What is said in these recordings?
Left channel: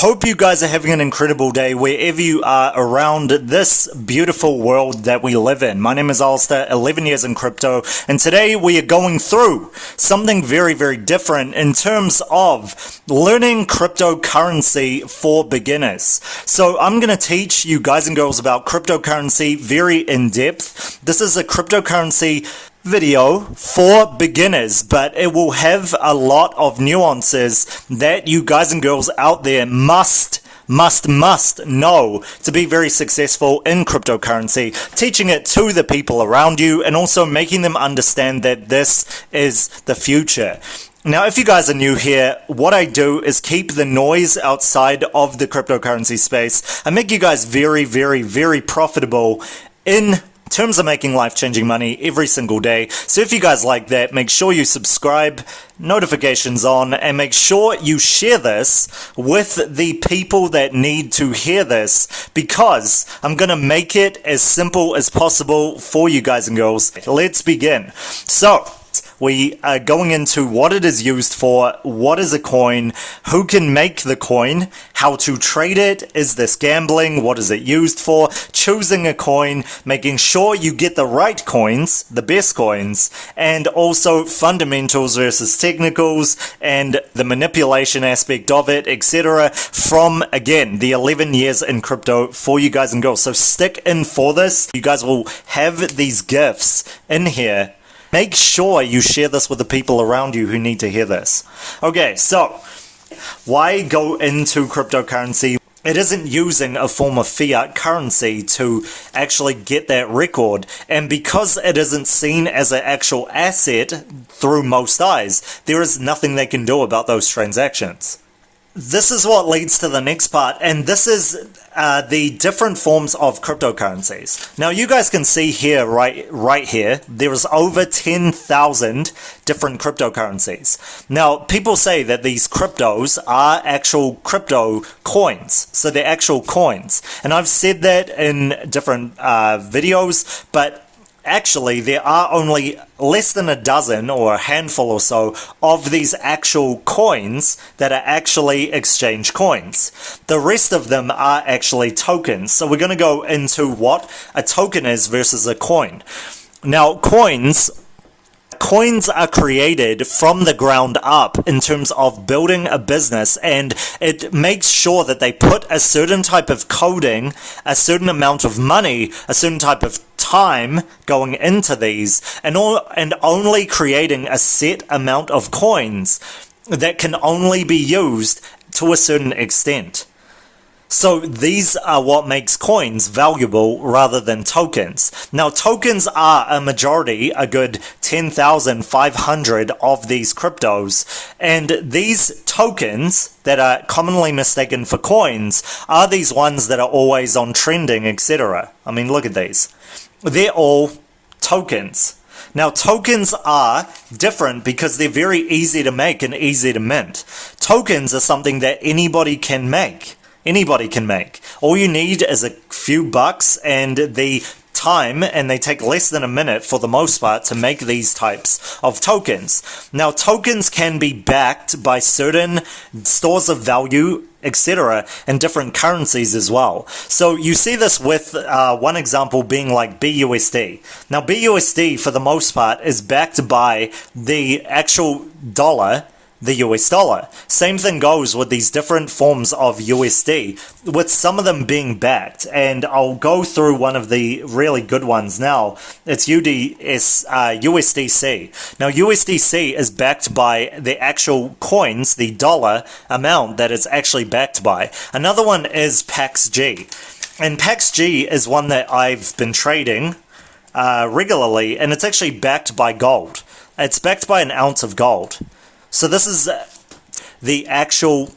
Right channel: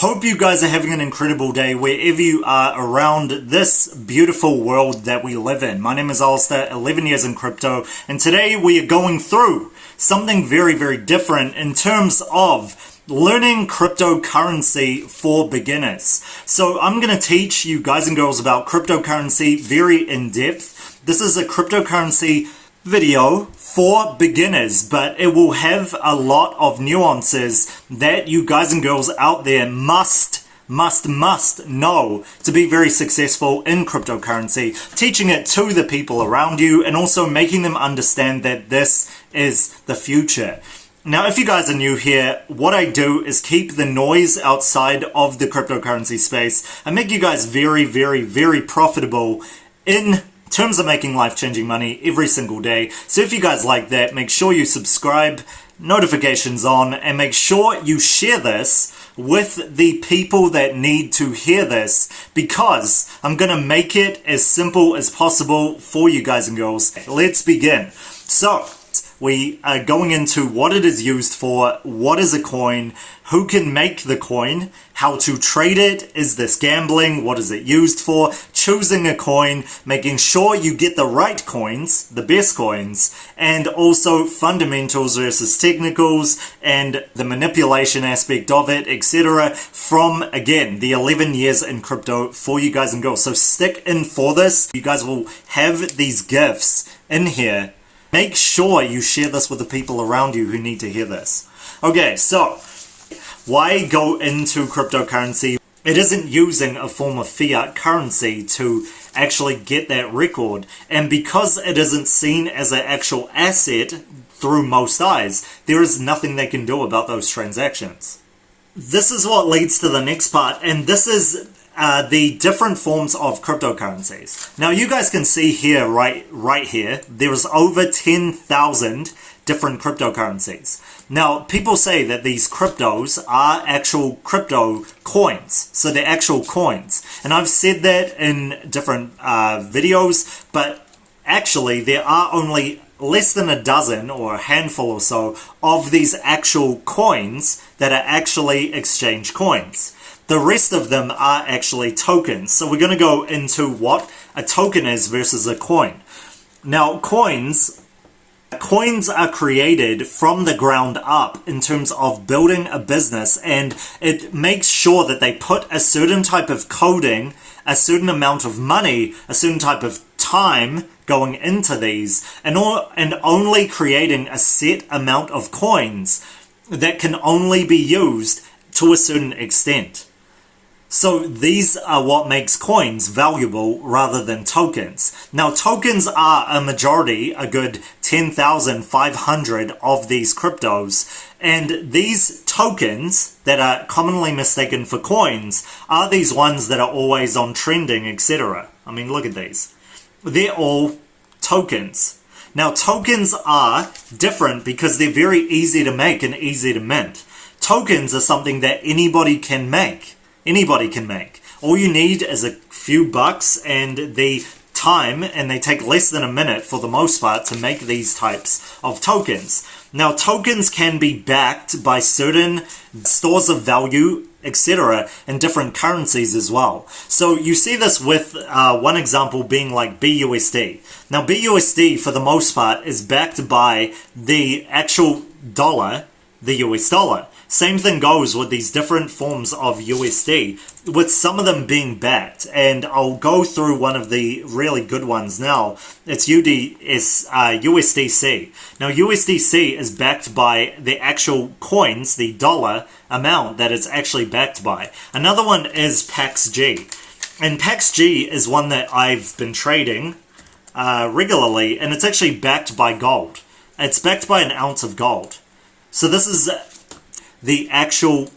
Hope you guys are having an incredible day wherever you are around this beautiful world that we live in. My name is Alistair, 11 years in crypto, and today we are going through something very, very different in terms of learning cryptocurrency for beginners. So I'm going to teach you guys and girls about cryptocurrency very in depth. This is a cryptocurrency video for beginners, but it will have a lot of nuances that you guys and girls out there must know to be very successful in cryptocurrency, teaching it to the people around you and also making them understand that this is the future. Now, if you guys are new here, what I do is keep the noise outside of the cryptocurrency space. I make you guys very, very, very profitable in terms of making life-changing money every single day. So if you guys like that, make sure you subscribe, notifications on, and make sure you share this with the people that need to hear this, because I'm gonna make it as simple as possible for you guys and girls. Let's begin. So we are going into what it is used for, what is a coin, who can make the coin, how to trade it, is this gambling, what is it used for, choosing a coin, making sure you get the right coins, the best coins, and also fundamentals versus technicals, and the manipulation aspect of it, etc. from, again, the 11 years in crypto for you guys and girls. So stick in for this. You guys will have these gifts in here. Make sure you share this with the people around you who need to hear this. Okay, so why go into cryptocurrency? It isn't using a form of fiat currency to actually get that record, and because it isn't seen as an actual asset through most eyes, there is nothing they can do about those transactions. This is what leads to the next part, and this is the different forms of cryptocurrencies. Now you guys can see here, right here, there is over 10,000 different cryptocurrencies. Now people say that these cryptos are actual crypto coins, so they're actual coins, and I've said that in different videos, but actually there are only less than a dozen or a handful or so of these actual coins that are actually exchange coins. The rest of them are actually tokens. So we're going to go into what a token is versus a coin. Now coins are created from the ground up in terms of building a business, and it makes sure that they put a certain type of coding, a certain amount of money, a certain type of time going into these, and only creating a set amount of coins that can only be used to a certain extent. So these are what makes coins valuable rather than tokens. Now tokens are a majority, a good 10,500 of these cryptos, and these tokens that are commonly mistaken for coins are these ones that are always on trending, etc. I mean, look at these. They're all tokens. Now tokens are different because they're very easy to make and easy to mint. Tokens are something that anybody can make. Anybody can make. All you need is a few bucks and the time, and they take less than a minute for the most part to make these types of tokens. Now tokens can be backed by certain stores of value, etc., and different currencies as well. So you see this with one example being like BUSD. Now BUSD for the most part is backed by the actual dollar, the US dollar. Same thing goes with these different forms of USD, with some of them being backed, and I'll go through one of the really good ones now. It's USDC. Now USDC is backed by the actual coins, the dollar amount that it's actually backed by. Another one is PAXG, and PAXG is one that I've been trading regularly, and it's actually backed by gold. It's backed by an ounce of gold. So this is the actual,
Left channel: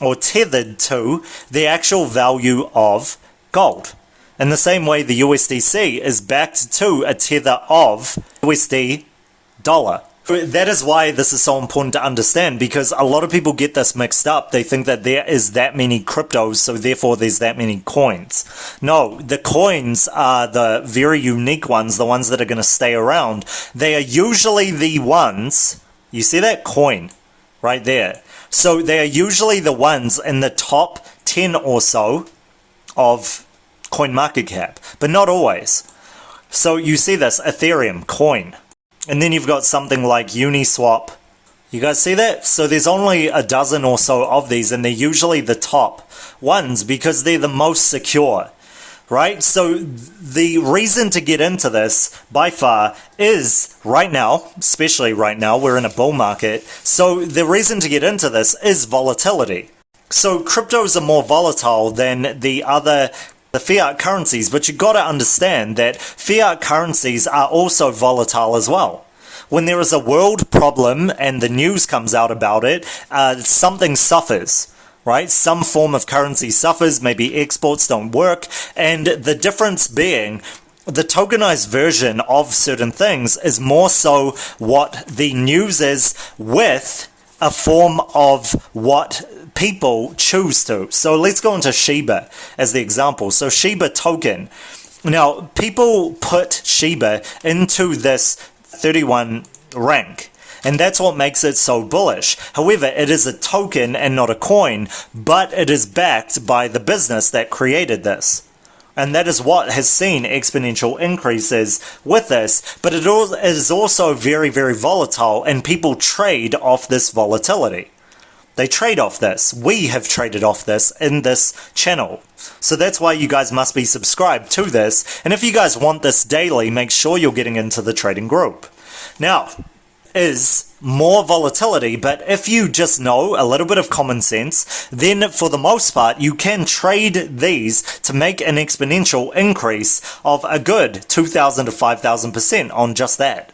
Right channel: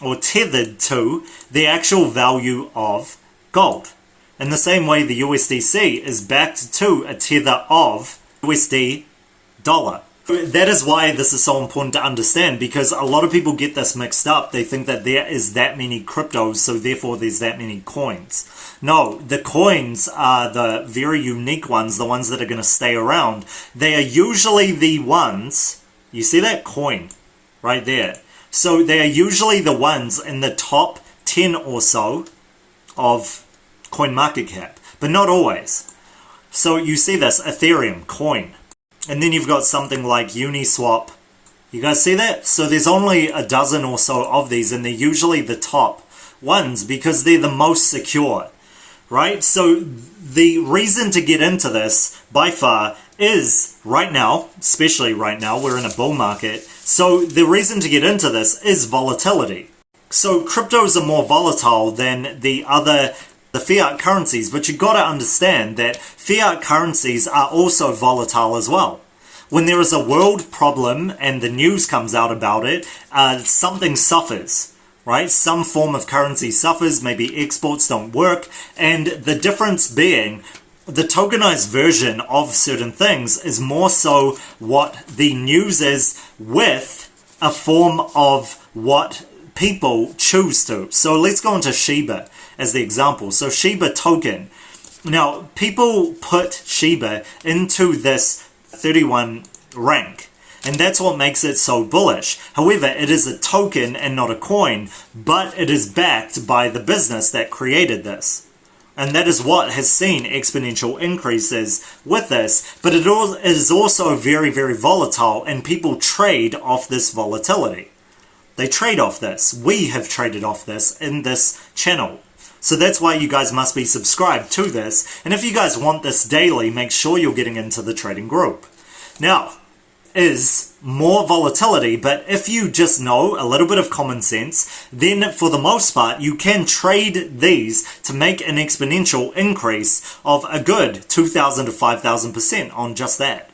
or tethered to, the actual value of gold. In the same way the USDC is backed to a tether of USD dollar. That is why this is so important to understand, because a lot of people get this mixed up. They think that there is that many cryptos, so therefore there's that many coins. No, the coins are the very unique ones, the ones that are going to stay around. They are usually the ones. You see that coin right there? So they are usually the ones in the top 10 or so of coin market cap, but not always. So you see this Ethereum coin, and then you've got something like Uniswap. You guys see that? So there's only a dozen or so of these, and they're usually the top ones because they're the most secure, right? So the reason to get into this by far is right now, especially right now, we're in a bull market. So the reason to get into this is volatility. So cryptos are more volatile than the fiat currencies, but you got to understand that fiat currencies are also volatile as well. When there is a world problem and the news comes out about it, something suffers, right? Some form of currency suffers, maybe exports don't work, and the difference being the tokenized version of certain things is more so what the news is with a form of what people choose to. So let's go into Shiba as the example. So Shiba token. Now, people put Shiba into this 31 rank, and that's what makes it so bullish. However, it is a token and not a coin, but it is backed by the business that created this. And that is what has seen exponential increases with this, but it is also very, very volatile, and people trade off this volatility. They trade off this. We have traded off this in this channel. So that's why you guys must be subscribed to this. And if you guys want this daily, make sure you're getting into the trading group. Now, is more volatility, but if you just know a little bit of common sense, then for the most part, you can trade these to make an exponential increase of a good 2,000 to 5,000% on just that.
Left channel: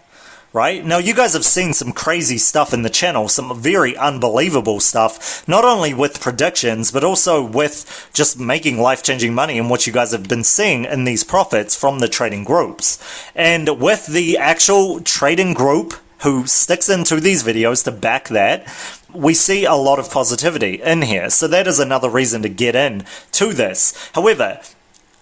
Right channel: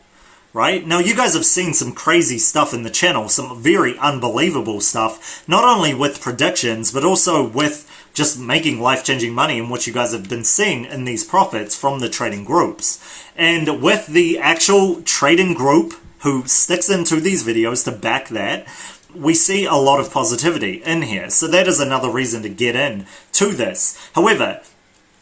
Right? Now, you guys have seen some crazy stuff in the channel, some very unbelievable stuff, not only with predictions, but also with just making life-changing money and what you guys have been seeing in these profits from the trading groups. And with the actual trading group who sticks into these videos to back that, we see a lot of positivity in here. So that is another reason to get in to this. However,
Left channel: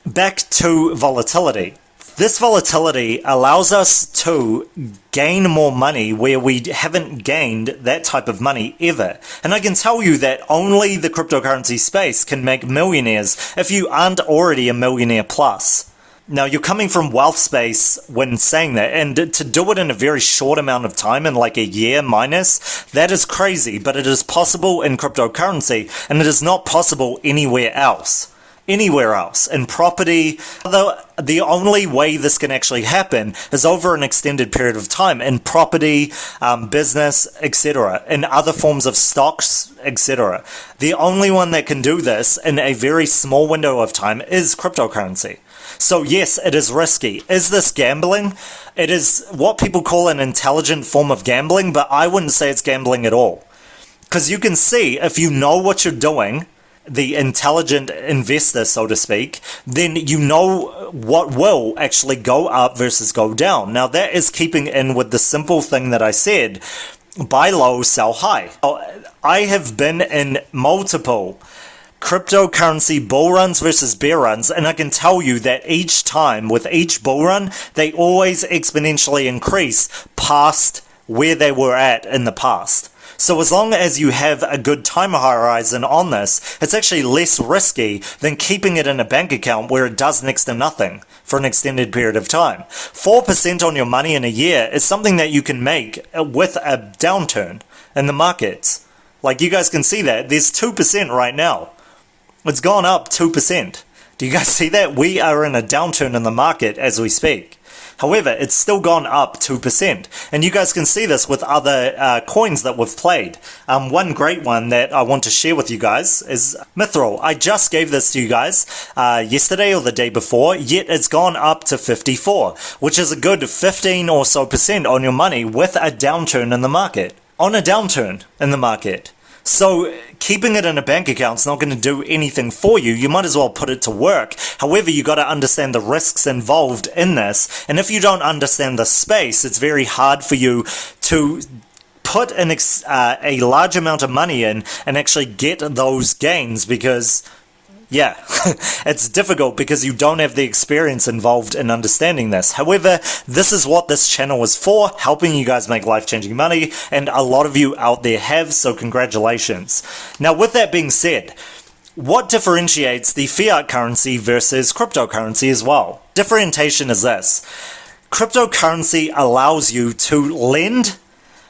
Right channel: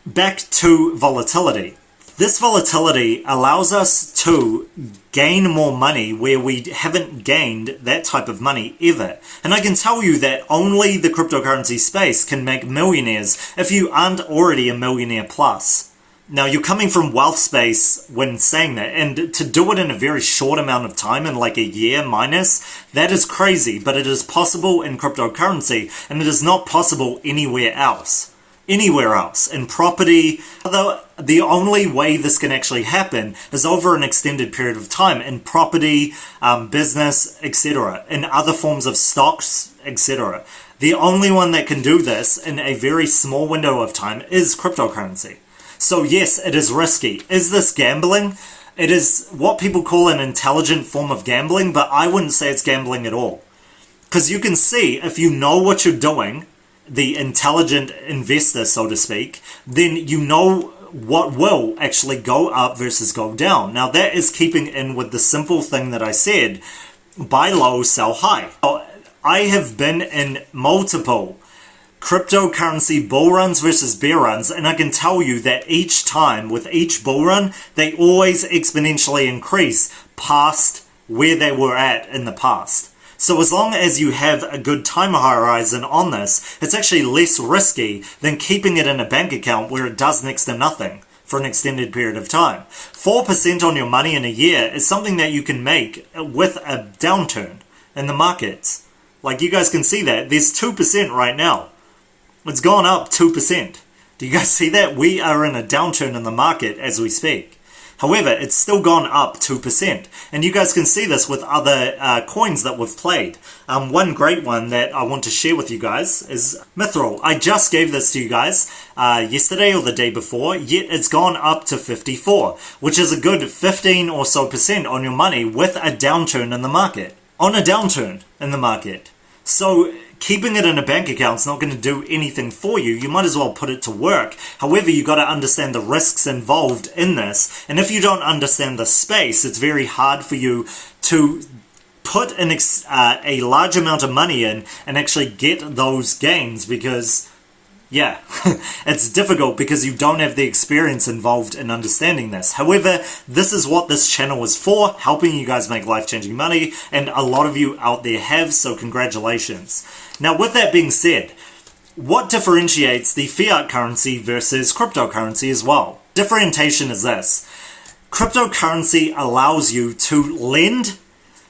back to volatility. This volatility allows us to gain more money where we haven't gained that type of money ever. And I can tell you that only the cryptocurrency space can make millionaires if you aren't already a millionaire plus. Now, you're coming from wealth space when saying that, and to do it in a very short amount of time, in like a year minus, that is crazy, but it is possible in cryptocurrency, and it is not possible anywhere else. Anywhere else. In property, although the only way this can actually happen is over an extended period of time in property, business, etc., in other forms of stocks, etc. The only one that can do this in a very small window of time is cryptocurrency. So yes, it is risky. Is this gambling? It is what people call an intelligent form of gambling, but I wouldn't say it's gambling at all. Because you can see, if you know what you're doing, the intelligent investor, so to speak, then you know what will actually go up versus go down. Now, that is keeping in with the simple thing that I said, buy low, sell high. I have been in multiple cryptocurrency bull runs versus bear runs, and I can tell you that each time with each bull run, they always exponentially increase past where they were at in the past. So as long as you have a good time horizon on this, it's actually less risky than keeping it in a bank account where it does next to nothing for an extended period of time. 4% on your money in a year is something that you can make with a downturn in the markets. Like, you guys can see that. There's 2% right now. It's gone up 2%. Do you guys see that? We are in a downturn in the market as we speak. However, it's still gone up 2%. And you guys can see this with other coins that we've played. One great one that I want to share with you guys is Mithril. I just gave this to you guys yesterday or the day before, yet it's gone up to 54, which is a good 15 or so % on your money with a downturn in the market. On a downturn in the market. So keeping it in a bank account is not going to do anything for you. You might as well put it to work. However, you got to understand the risks involved in this. And if you don't understand the space, it's very hard for you to put a large amount of money in and actually get those gains because, yeah, it's difficult because you don't have the experience involved in understanding this. However, this is what this channel is for, helping you guys make life-changing money, and a lot of you out there have, so congratulations. Now, with that being said, what differentiates the fiat currency versus cryptocurrency as well? Differentiation is this. Cryptocurrency allows you to lend,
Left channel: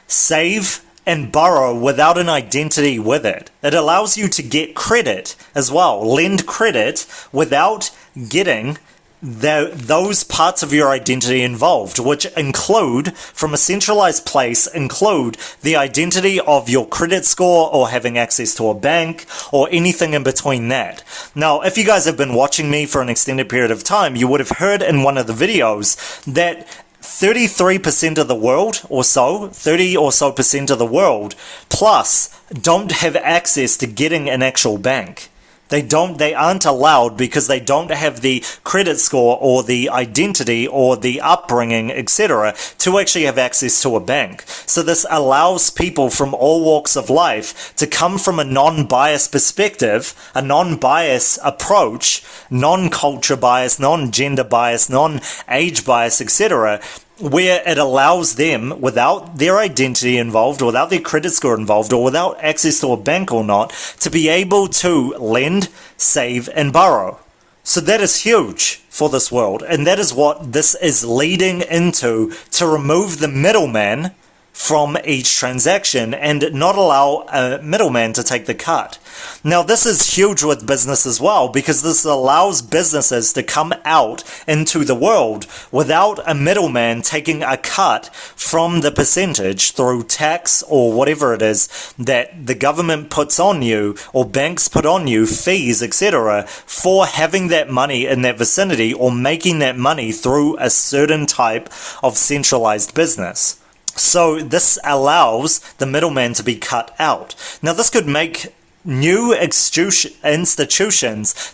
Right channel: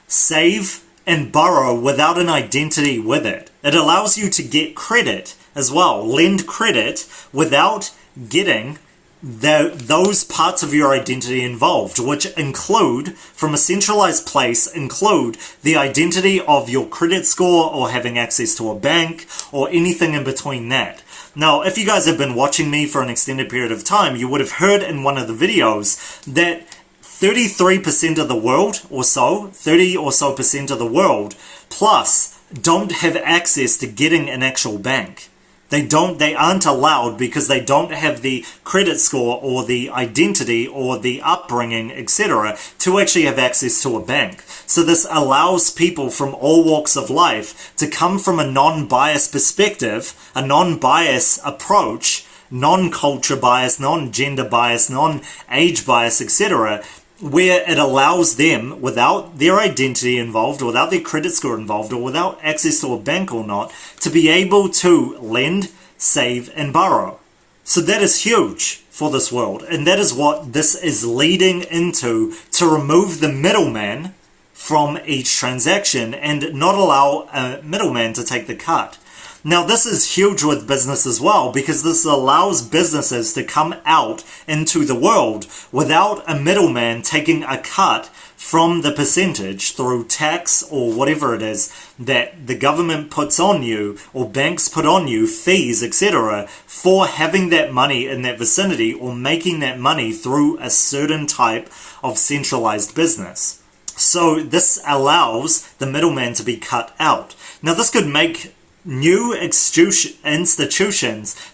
save, and borrow without an identity with it. It allows you to get credit as well, lend credit without getting those parts of your identity involved, which include, from a centralized place, include the identity of your credit score or having access to a bank or anything in between that. Now, if you guys have been watching me for an extended period of time, you would have heard in one of the videos that 33% of the world or so, 30 or so percent of the world plus don't have access to getting an actual bank. They aren't allowed because they don't have the credit score or the identity or the upbringing, etc., to actually have access to a bank. So this allows people from all walks of life to come from a non-biased perspective, a non-biased approach, non-culture bias, non-gender bias, non-age bias, etc., where it allows them, without their identity involved, without their credit score involved, or without access to a bank or not, to be able to lend, save, and borrow. So that is huge for this world, and that is what this is leading into, to remove the middleman from each transaction and not allow a middleman to take the cut. Now, this is huge with business as well, because this allows businesses to come out into the world without a middleman taking a cut from the percentage through tax or whatever it is that the government puts on you or banks put on you, fees, etc., for having that money in that vicinity or making that money through a certain type of centralized business. So this allows the middleman to be cut out. Now, this could make new institutions,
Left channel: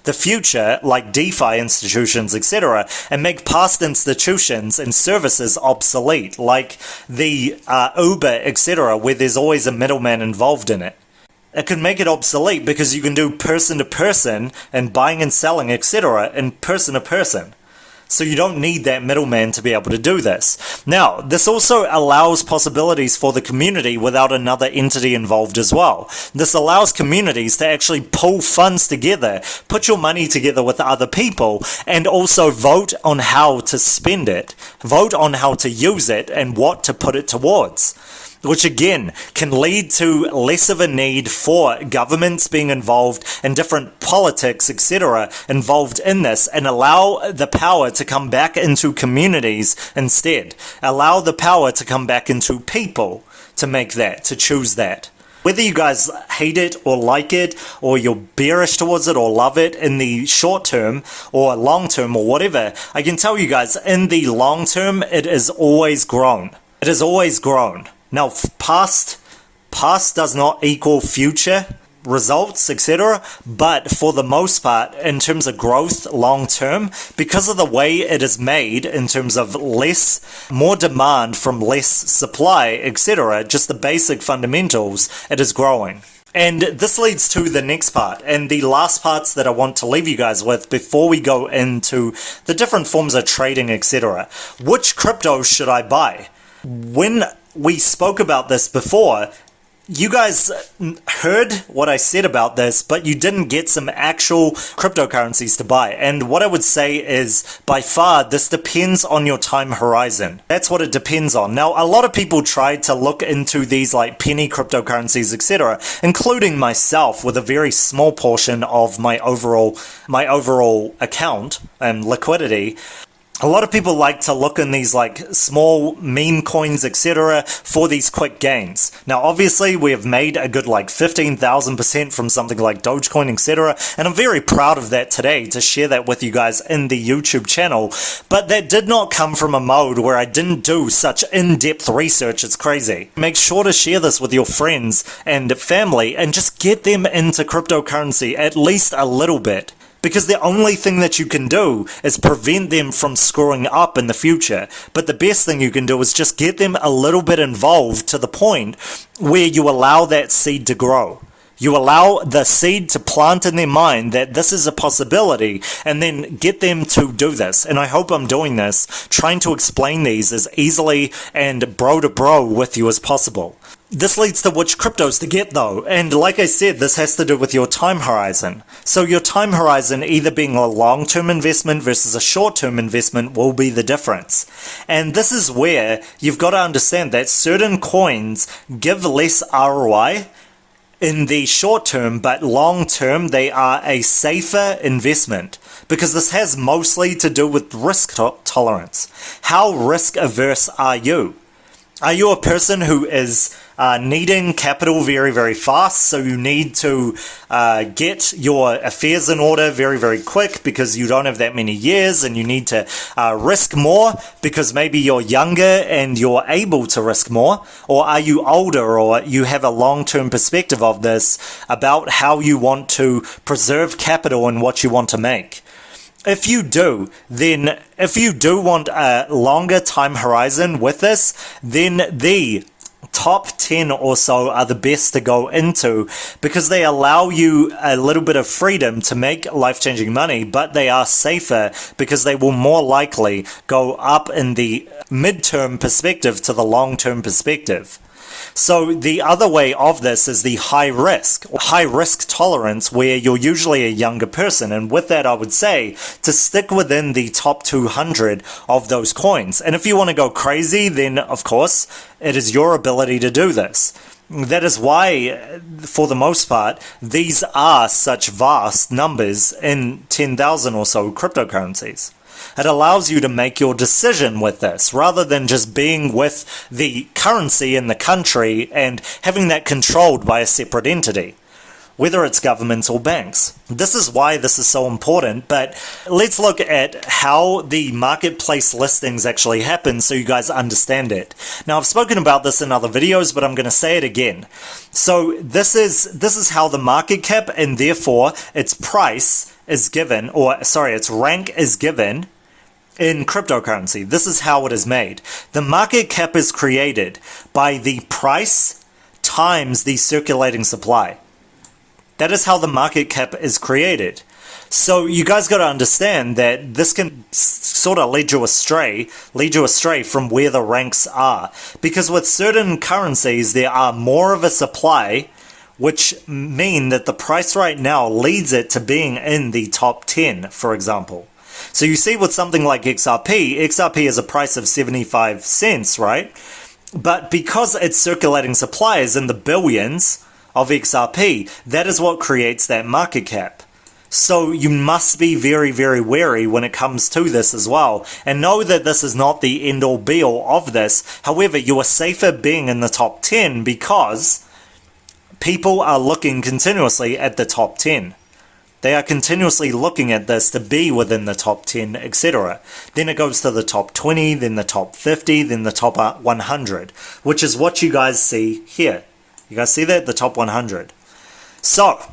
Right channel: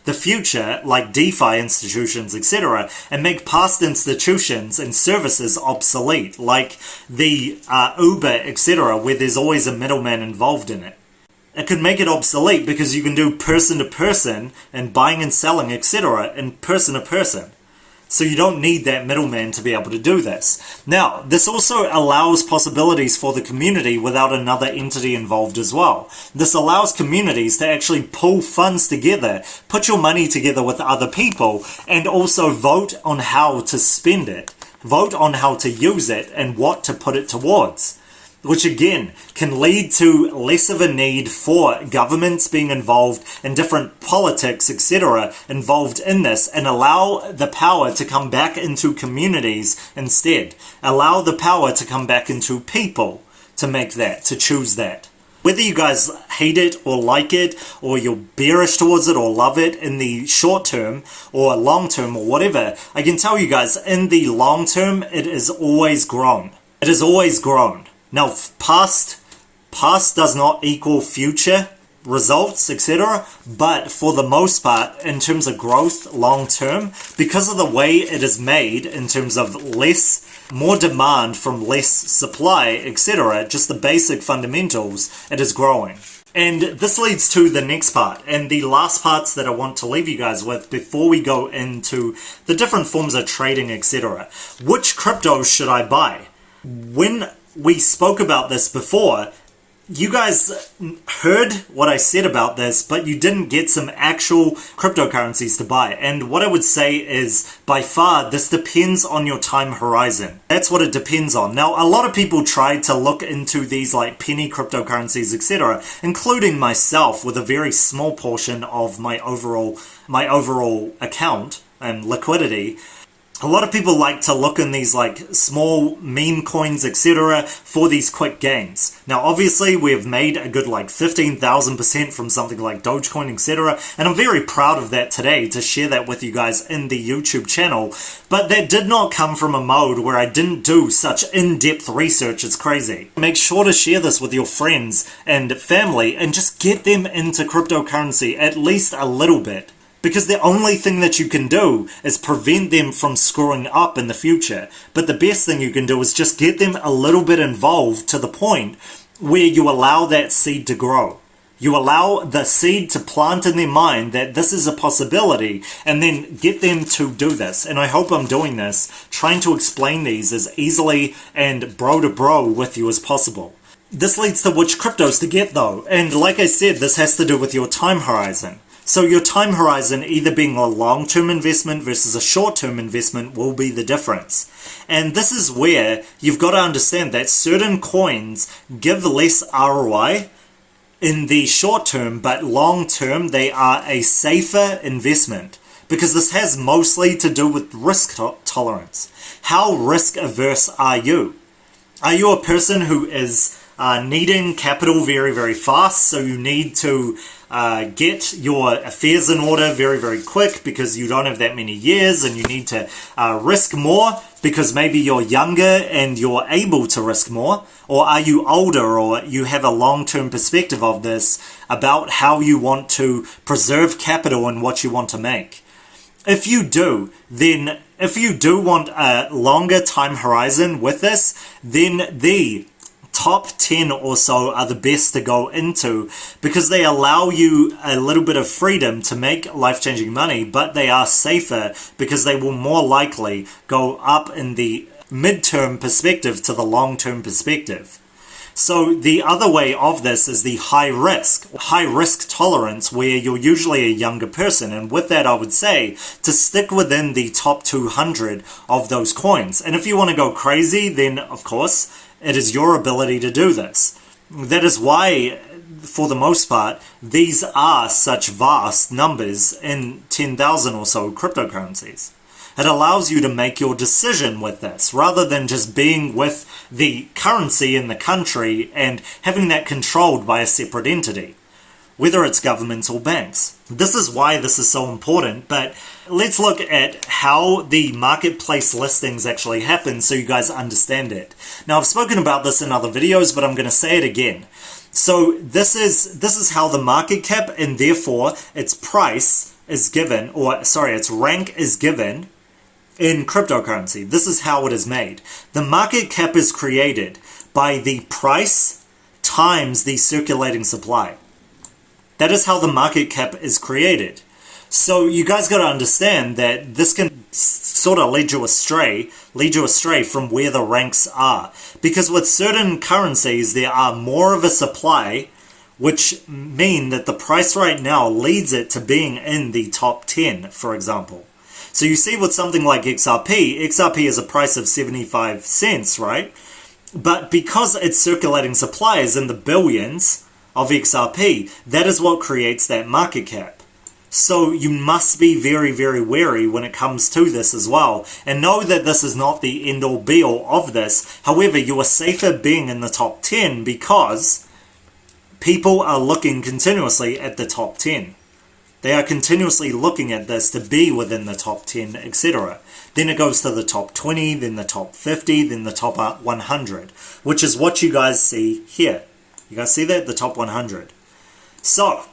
the future, like DeFi institutions, etc., and make past institutions and services obsolete, like the Uber, etc., where there's always a middleman involved in it. It could make it obsolete because you can do person to person and buying and selling, etc., and person to person. So you don't need that middleman to be able to do this. Now, this also allows possibilities for the community without another entity involved as well. This allows communities to actually pull funds together, put your money together with other people, and also vote on how to spend it, vote on how to use it, and what to put it towards. Which again can lead to less of a need for governments being involved and different politics, etc., involved in this, and allow the power to come back into communities instead. Allow the power to come back into people to make that, to choose that. Whether you guys hate it or like it, or you're bearish towards it or love it in the short term or long term or whatever, I can tell you guys, in the long term, it is always grown. It has always grown. Now, past does not equal future results, etc., but for the most part, in terms of growth long term, because of the way it is made in terms of more demand from less supply, etc., just the basic fundamentals, it is growing. And this leads to the next part, and the last parts that I want to leave you guys with before we go into the different forms of trading, etc. Which cryptos should I buy? When we spoke about this before, you guys heard what I said about this, but you didn't get some actual cryptocurrencies to buy. And what I would say is, by far, this depends on your time horizon. That's what it depends on. Now, a lot of people tried to look into these like penny cryptocurrencies, etc., including myself, with a very small portion of my overall account and liquidity. A lot of people like to look in these like small meme coins, etc., for these quick gains. Now, obviously, we have made a good like 15,000% from something like Dogecoin, etc., and I'm very proud of that today to share that with you guys in the YouTube channel. But that did not come from a mode where I didn't do such in-depth research. It's crazy. Make sure to share this with your friends and family and just get them into cryptocurrency at least a little bit. Because the only thing that you can do is prevent them from screwing up in the future. But the best thing you can do is just get them a little bit involved to the point where you allow that seed to grow. You allow the seed to plant in their mind that this is a possibility, and then get them to do this. And I hope I'm doing this, trying to explain these as easily and bro to bro with you as possible. This leads to which cryptos to get though, and like I said, this has to do with your time horizon. So your time horizon either being a long-term investment versus a short-term investment will be the difference. And this is where you've got to understand that certain coins give less ROI in the short term, but long term they are a safer investment, because this has mostly to do with risk tolerance. How risk averse are you? Are you a person who is needing capital very, very fast, so you need to get your affairs in order very, very quick because you don't have that many years, and you need to risk more because maybe you're younger and you're able to risk more? Or are you older, or you have a long-term perspective of this about how you want to preserve capital and what you want to make? If you do want a longer time horizon with this, then the top 10 or so are the best to go into, because they allow you a little bit of freedom to make life-changing money, but they are safer because they will more likely go up in the mid-term perspective to the long-term perspective. So the other way of this is the high risk tolerance, where you're usually a younger person. And with that, I would say to stick within the top 200 of those coins. And if you want to go crazy, then of course, it is your ability to do this. That is why, for the most part, these are such vast numbers in 10,000 or so cryptocurrencies. It allows you to make your decision with this, rather than just being with the currency in the country and having that controlled by a separate entity, whether it's governments or banks. This is why this is so important, but let's look at how the marketplace listings actually happen so you guys understand it. Now, I've spoken about this in other videos, but I'm going to say it again. So this is how the market cap, and therefore its price is given, or sorry, its rank is given in cryptocurrency. This is how it is made. The market cap is created by the price times the circulating supply. That is how the market cap is created. So you guys got to understand that this can sort of lead you astray from where the ranks are. Because with certain currencies, there are more of a supply, which mean that the price right now leads it to being in the top 10, for example. So you see with something like XRP is a price of 75 cents, right? But because its circulating supply is in the billions of XRP, that is what creates that market cap. So you must be very, very wary when it comes to this as well. And know that this is not the end-all be-all of this. However, you are safer being in the top 10 because people are looking continuously at the top 10. They are continuously looking at this to be within the top 10, etc. Then it goes to the top 20, then the top 50, then the top 100, which is what you guys see here. You guys see that? The top 100. So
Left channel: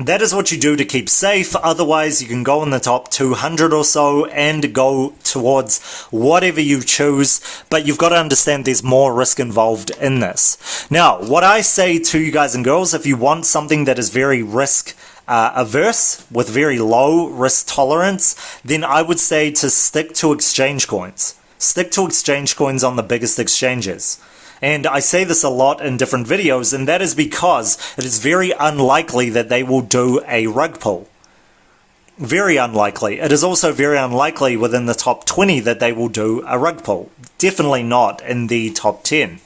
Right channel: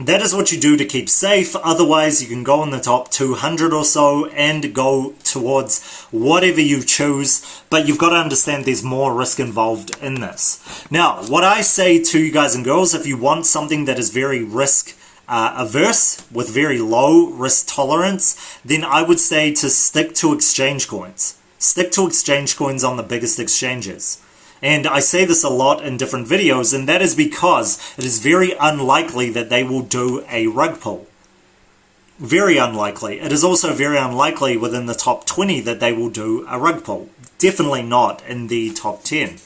that is what you do to keep safe. Otherwise, you can go in the top 200 or so and go towards whatever you choose. But you've got to understand there's more risk involved in this. Now, what I say to you guys and girls, if you want something that is very risk averse with very low risk tolerance, then I would say to stick to exchange coins. Stick to exchange coins on the biggest exchanges. And I say this a lot in different videos, and that is because it is very unlikely that they will do a rug pull. Very unlikely. It is also very unlikely within the top 20 that they will do a rug pull. Definitely not in the top 10.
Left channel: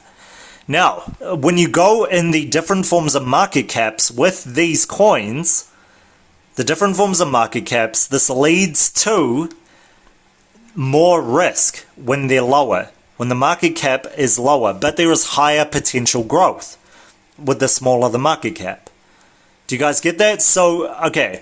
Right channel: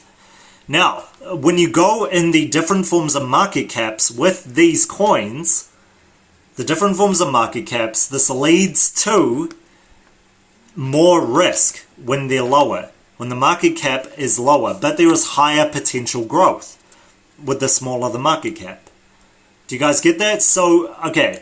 Now, when you go in the different forms of market caps with these coins, the different forms of market caps, this leads to more risk when they're lower, when the market cap is lower, but there is higher potential growth with the smaller the market cap. Do you guys get that? So, okay,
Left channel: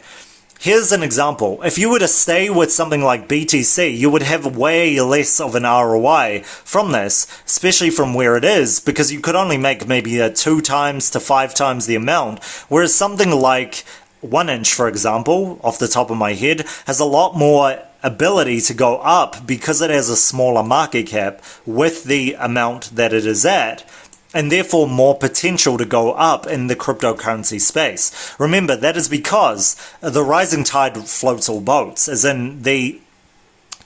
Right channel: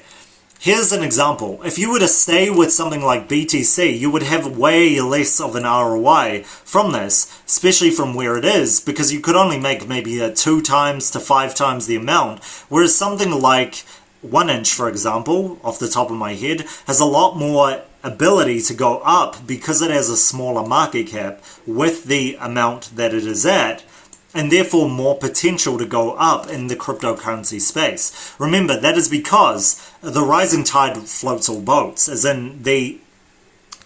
here's an example. If you were to stay with something like BTC, you would have way less of an ROI from this, especially from where it is, because you could only make maybe 2 times to 5 times the amount, whereas something like 1inch, for example, off the top of my head, has a lot more ability to go up because it has a smaller market cap with the amount that it is at, and therefore more potential to go up in the cryptocurrency space. Remember, that is because the rising tide floats all boats, as in the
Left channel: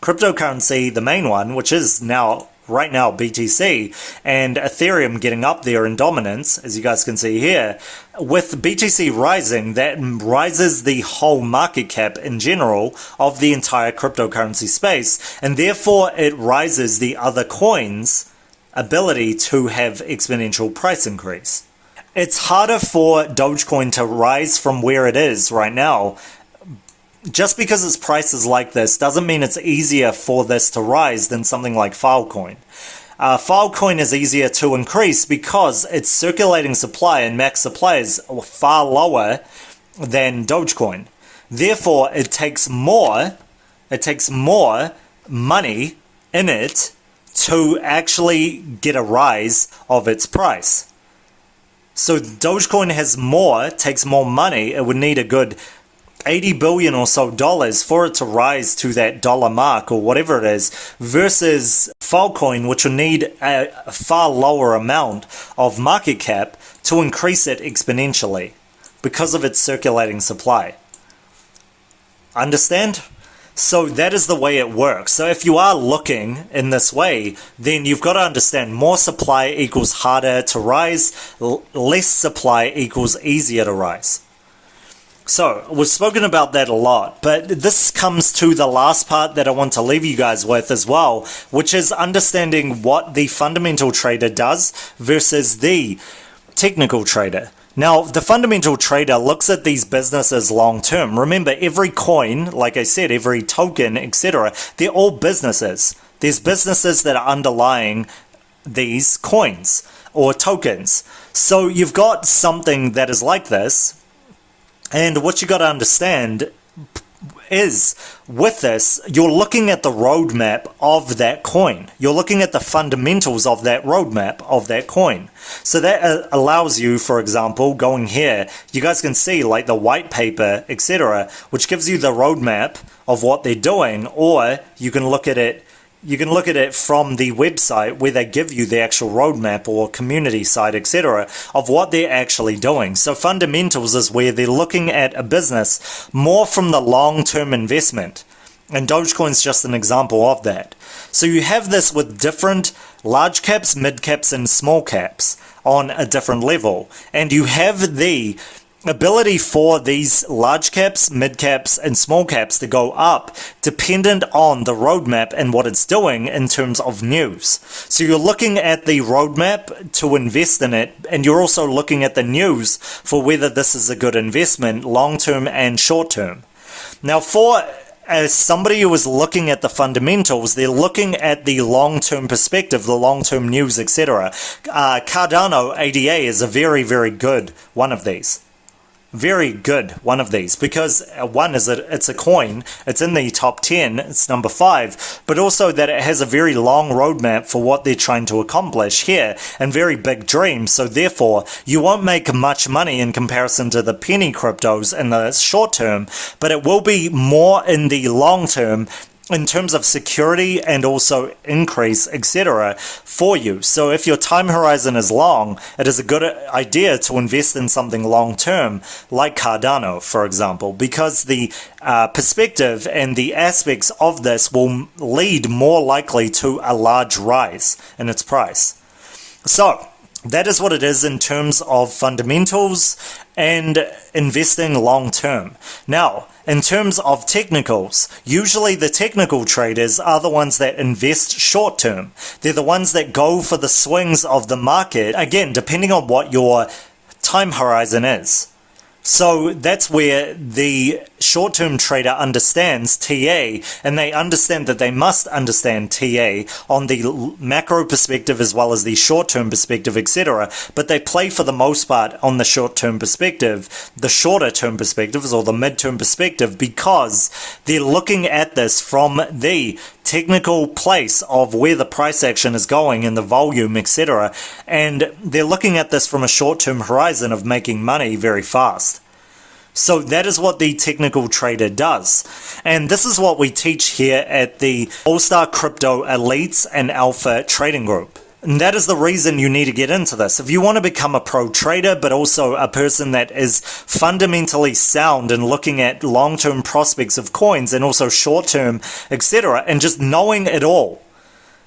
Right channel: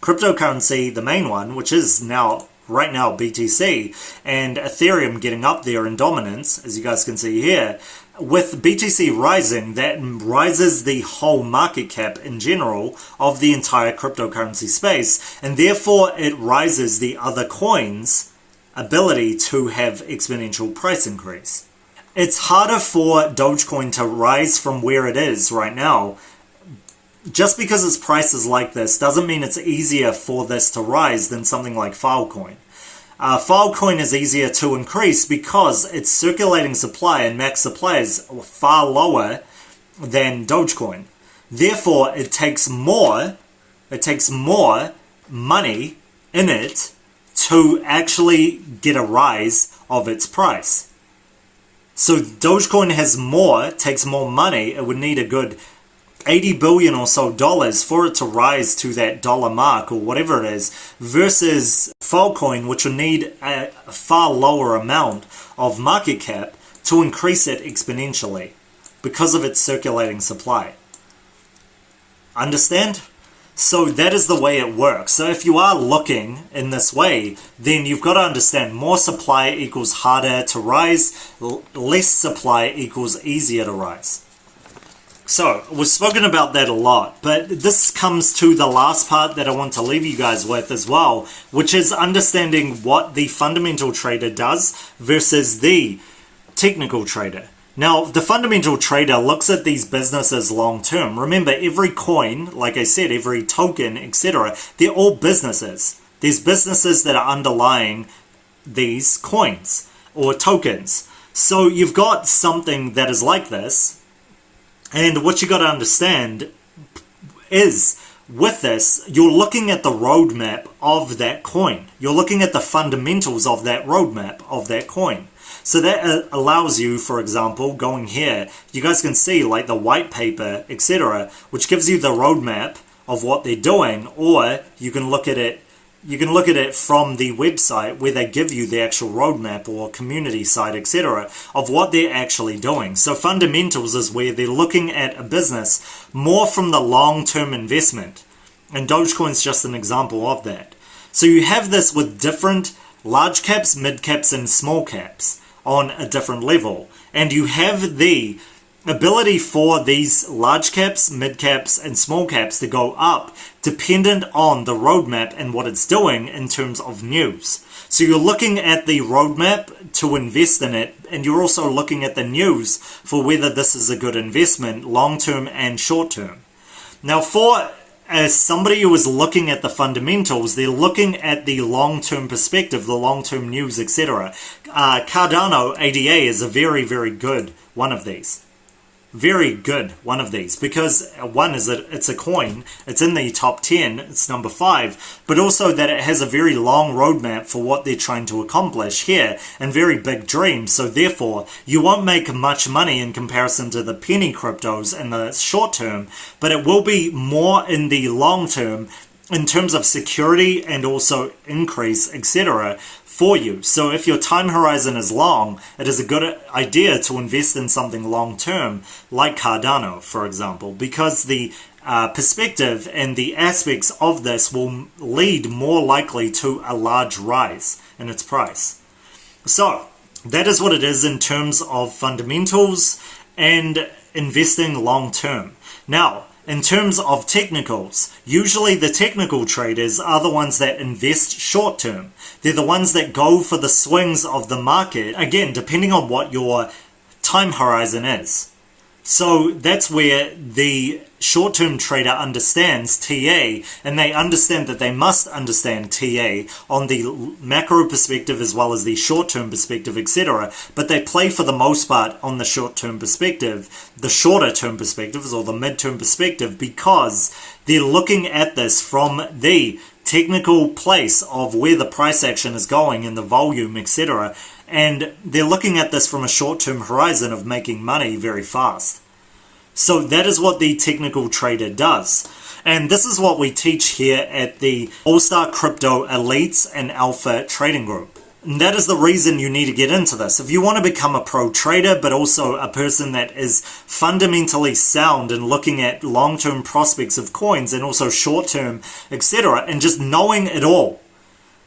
cryptocurrency, the main one, which is now right now BTC and Ethereum getting up there in dominance, as you guys can see here, with BTC rising, that rises the whole market cap in general of the entire cryptocurrency space, and therefore it rises the other coins' ability to have exponential price increase. It's harder for Dogecoin to rise from where it is right now. Just because its price is like this doesn't mean it's easier for this to rise than something like Filecoin. Filecoin is easier to increase because its circulating supply and max supply is far lower than Dogecoin. Therefore, it takes more money in it to actually get a rise of its price. So Dogecoin takes more money. It would need a good 80 billion or so dollars for it to rise to that dollar mark or whatever it is, versus Filecoin, which will need a far lower amount of market cap to increase it exponentially because of its circulating supply. Understand? So that is the way it works. So if you are looking in this way, then you've got to understand more supply equals harder to rise, less supply equals easier to rise. So, we've spoken about that a lot, but this comes to the last part that I want to leave you guys with as well, which is understanding what the fundamental trader does versus the technical trader. Now, the fundamental trader looks at these businesses long term. Remember, every coin, like I said, every token, etc., they're all businesses. There's businesses that are underlying these coins or tokens. So you've got something that is like this. And what you got to understand is, with this, you're looking at the roadmap of that coin. You're looking at the fundamentals of that roadmap of that coin. So that allows you, for example, going here, you guys can see like the white paper, etc., which gives you the roadmap of what they're doing, or you can look at it. You can look at it from the website where they give you the actual roadmap or community site, etc., of what they're actually doing. So fundamentals is where they're looking at a business more from the long-term investment. And Dogecoin's just an example of that. So you have this with different large caps, mid caps, and small caps on a different level. And you have the ability for these large caps, mid caps, and small caps to go up dependent on the roadmap and what it's doing in terms of news. So you're looking at the roadmap to invest in it, and you're also looking at the news for whether this is a good investment long term and short term. Now, as somebody who is looking at the fundamentals, they're looking at the long-term perspective, the long-term news, etc. Cardano ADA is a very, very good one of these. Very good one of these, because one is it's a coin, it's in the top 10, it's number 5, but also that it has a very long roadmap for what they're trying to accomplish here, and very big dreams. So therefore you won't make much money in comparison to the penny cryptos in the short term, but it will be more in the long term in terms of security and also increase, etc., for you. So if your time horizon is long, it is a good idea to invest in something long term like Cardano, for example, because the perspective and the aspects of this will lead more likely to a large rise in its price. So that is what it is in terms of fundamentals and investing long term. Now, in terms of technicals, usually the technical traders are the ones that invest short term. They're the ones that go for the swings of the market, again, depending on what your time horizon is. So that's where the short-term trader understands TA, and they understand that they must understand TA on the macro perspective as well as the short-term perspective, etc. But they play for the most part on the short-term perspective, the shorter-term perspectives or the mid-term perspective, because they're looking at this from the technical place of where the price action is going and the volume, etc. And they're looking at this from a short-term horizon of making money very fast. So that is what the technical trader does. And this is what we teach here at the All-Star Crypto Elites and Alpha Trading Group. And that is the reason you need to get into this. If you want to become a pro trader, but also a person that is fundamentally sound and looking at long-term prospects of coins and also short-term, etc., and just knowing it all,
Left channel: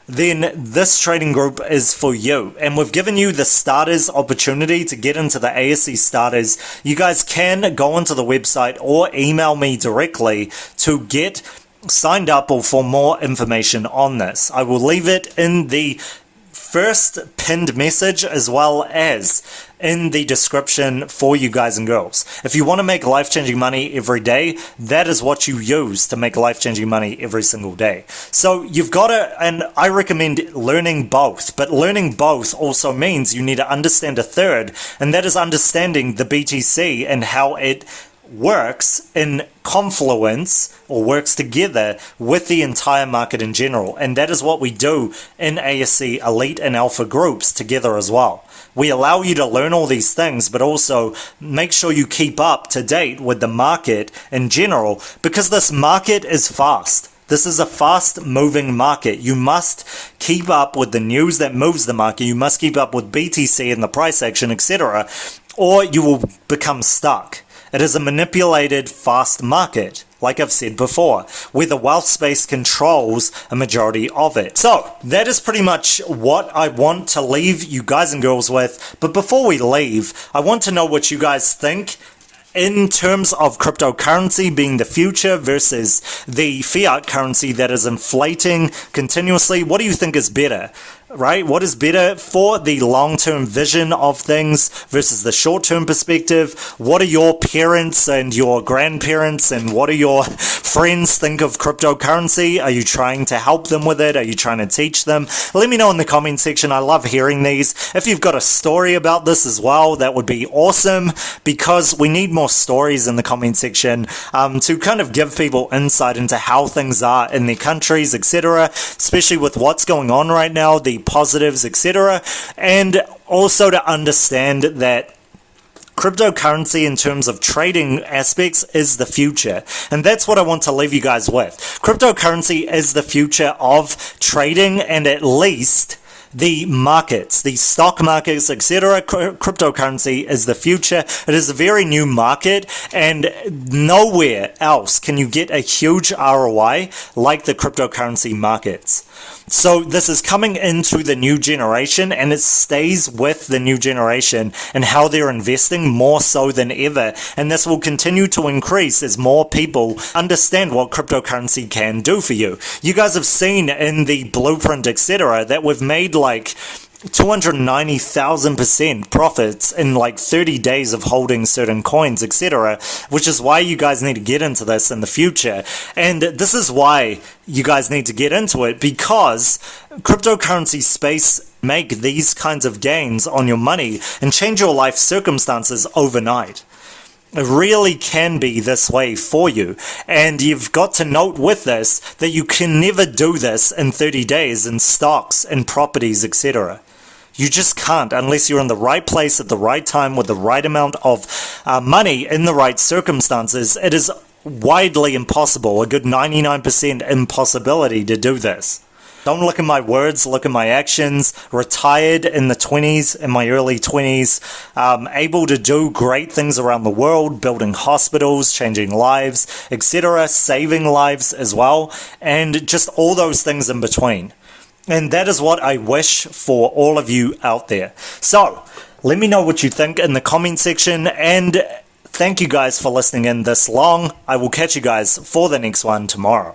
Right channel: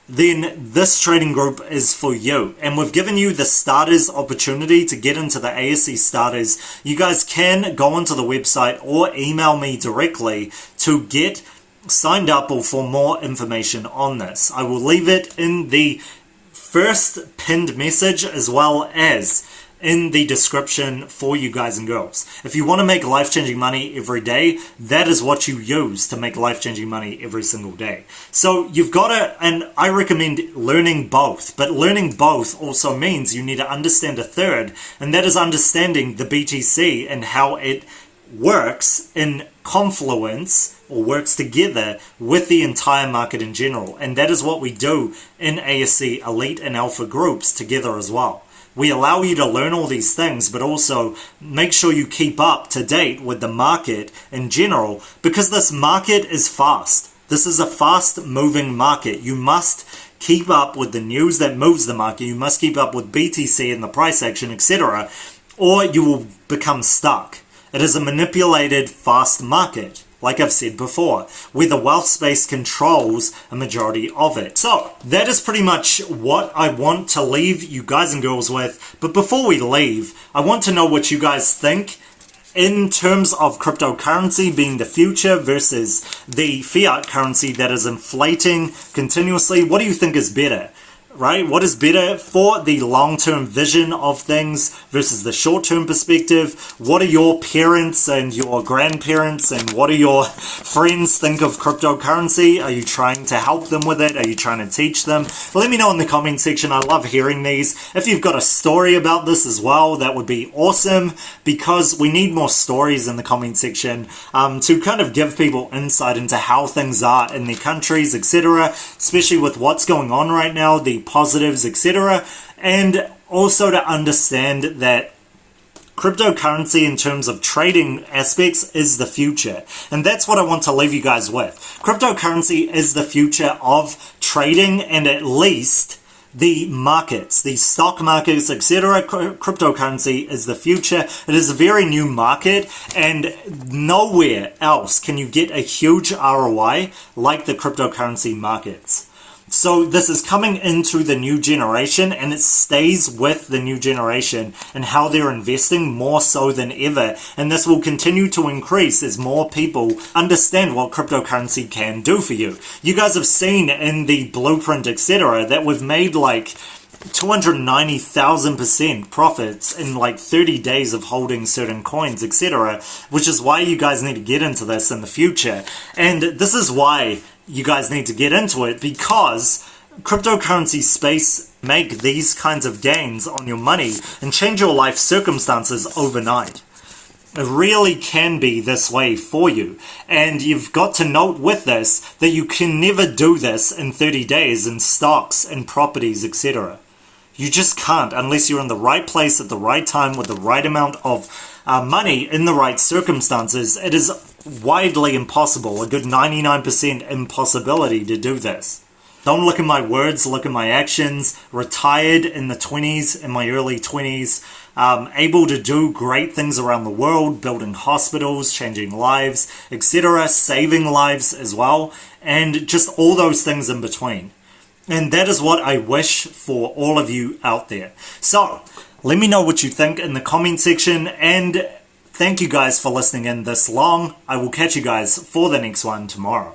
then this trading group is for you. And we've given you the starters opportunity to get into the ASC starters. You guys can go onto the website or email me directly to get signed up or for more information on this. I will leave it in the first pinned message as well as in the description for you guys and girls. If you want to make life-changing money every day, that is what you use to make life-changing money every single day. So you've got to, and I recommend learning both, but learning both also means you need to understand a third, and that is understanding the BTC and how it works in confluence or works together with the entire market in general. And that is what we do in ASC Elite and Alpha groups together as well. We allow you to learn all these things, but also make sure you keep up to date with the market in general, because this market is fast. This is a fast-moving market. You must keep up with the news that moves the market. You must keep up with BTC and the price action, etc., or you will become stuck. It is a manipulated, fast market, like I've said before, where the wealth space controls a majority of it. So that is pretty much what I want to leave you guys and girls with. But before we leave, I want to know what you guys think in terms of cryptocurrency being the future versus the fiat currency that is inflating continuously. What do you think is better? Right? What is better for the long-term vision of things versus the short-term perspective? What are your parents and your grandparents and what do your friends think of cryptocurrency? Are you trying to help them with it? Are you trying to teach them? Let me know in the comment section. I love hearing these. If you've got a story about this as well, that would be awesome, because we need more stories in the comment section to kind of give people insight into how things are in their countries, etc., especially with what's going on right now, the positives, etc., and also to understand that cryptocurrency in terms of trading aspects is the future. And that's what I want to leave you guys with. Cryptocurrency is the future of trading, and at least the markets, the stock markets, etc. Cryptocurrency is the future. It is a very new market, and nowhere else can you get a huge ROI like the cryptocurrency markets. So this is coming into the new generation, and it stays with the new generation and how they're investing more so than ever. And this will continue to increase as more people understand what cryptocurrency can do for you. You guys have seen in the blueprint, etc., that we've made like 290,000% profits in like 30 days of holding certain coins, etc., which is why you guys need to get into this in the future. And this is why you guys need to get into it, because cryptocurrency space make these kinds of gains on your money and change your life circumstances overnight. It really can be this way for you, and you've got to note with this that you can never do this in 30 days in stocks and properties, etc. You just can't unless you're in the right place at the right time with the right amount of money in the right circumstances. It is widely impossible, a good 99% impossibility to do this. Don't look at my words, look at my actions. Retired in the 20s, in my early 20s, able to do great things around the world, building hospitals, changing lives, etc., saving lives as well, and just all those things in between. And that is what I wish for all of you out there. So, let me know what you think in the comment section, and thank you guys for listening in this long. I will catch you guys for the next one tomorrow.